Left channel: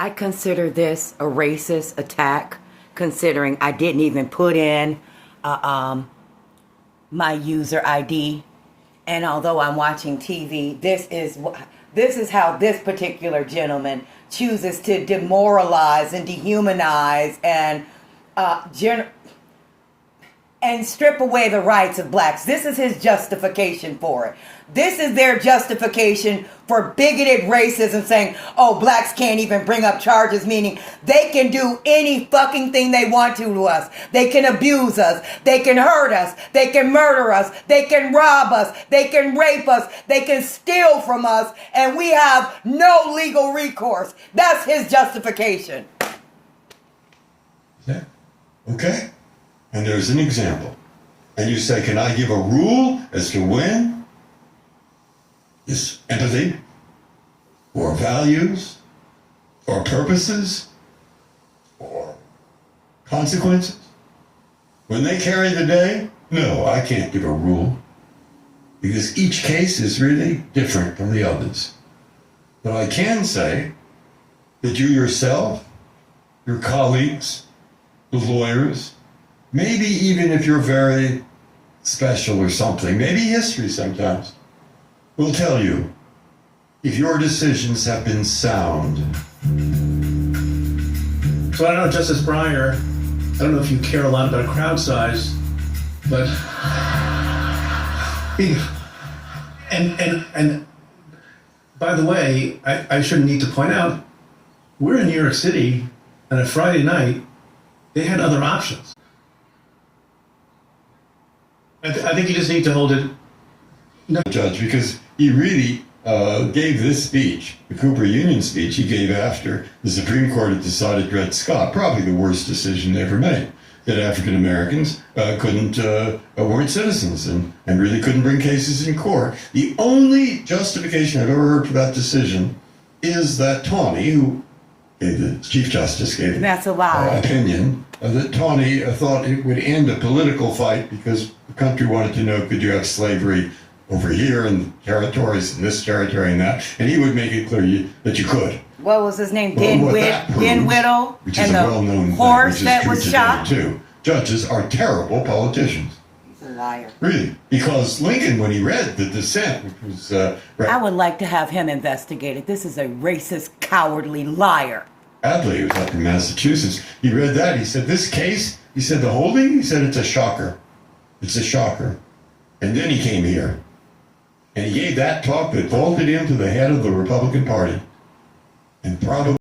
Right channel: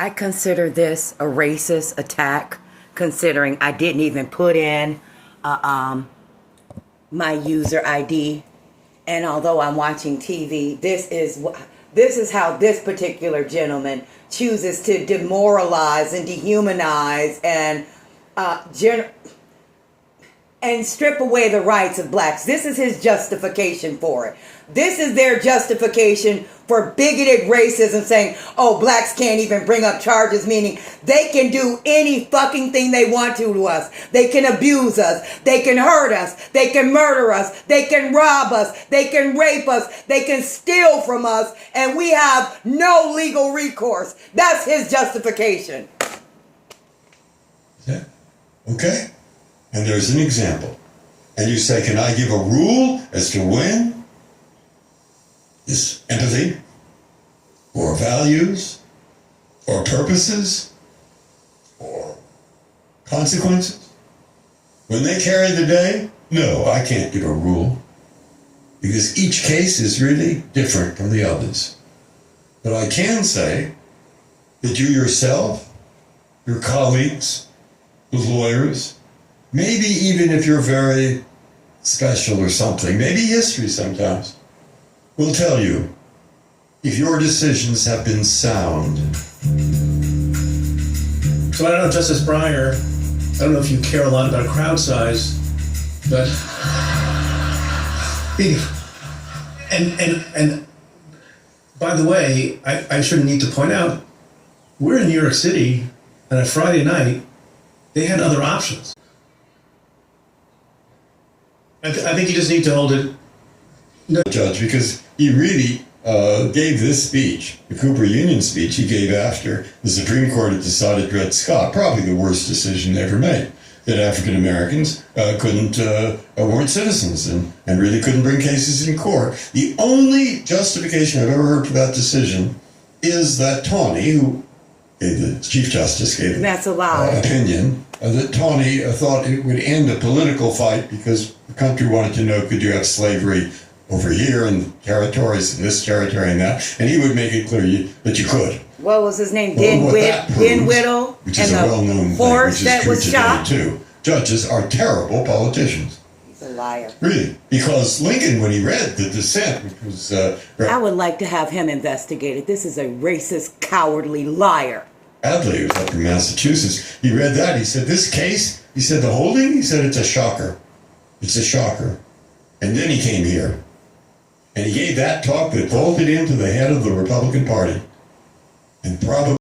I consider this a racist attack, considering I didn't even put in my user ID. And although I'm watching TV, this is how this particular gentleman chooses to demoralize and dehumanize and strip away the rights of blacks. This is his justification for it. This is their justification for bigoted racism, saying, oh, blacks can't even bring up charges, meaning they can do any fucking thing they want to us. They can abuse us. They can hurt us. They can murder us. They can rob us. They can rape us. They can steal from us. And we have no legal recourse. That's his justification. Yeah. Okay. And there's an example. And you say, can I give a rule as to when is empathy or values or purposes or consequences? When they carry the day? No, I can't give a rule, because each case is really different from the others. But I can say that you yourself, your colleagues, the lawyers, maybe even if you're very special or something, maybe history sometimes, will tell you if your decisions have been sound. So I don't know, Justice Breyer, I don't know if you care a lot about crowd size, but and by the way, I shouldn't need to point out, we're in New York City, and a Friday night, they had other options. I think you just need to hold it. No, Judge, because he really gave this speech, the Cooper Union speech he gave after the Supreme Court had decided Dred Scott, probably the worst decision they ever made, that African Americans weren't citizens and really couldn't bring cases in court. The only justification I've ever heard for that decision is that Tawney, who the Chief Justice gave That's a lie. Opinion, that Tawney thought it would end a political fight because the country wanted to know, could you have slavery over here and territories and this territory and that, and he would make it clear that you could. What was his name? Dinwiddie, which is a well-known thing, which is true today shot. too. Judges are terrible politicians. He's a liar. Really, because Lincoln, when he read the dissent, which was I would like to have him investigated. This is a racist, cowardly liar. Adley, who was up in Massachusetts, he read that. He said, this case, he said, the holding, he said, it's a shocker. It's a shocker. And then he came here. And he gave that talk that vaulted him to the head of the Republican Party. And probably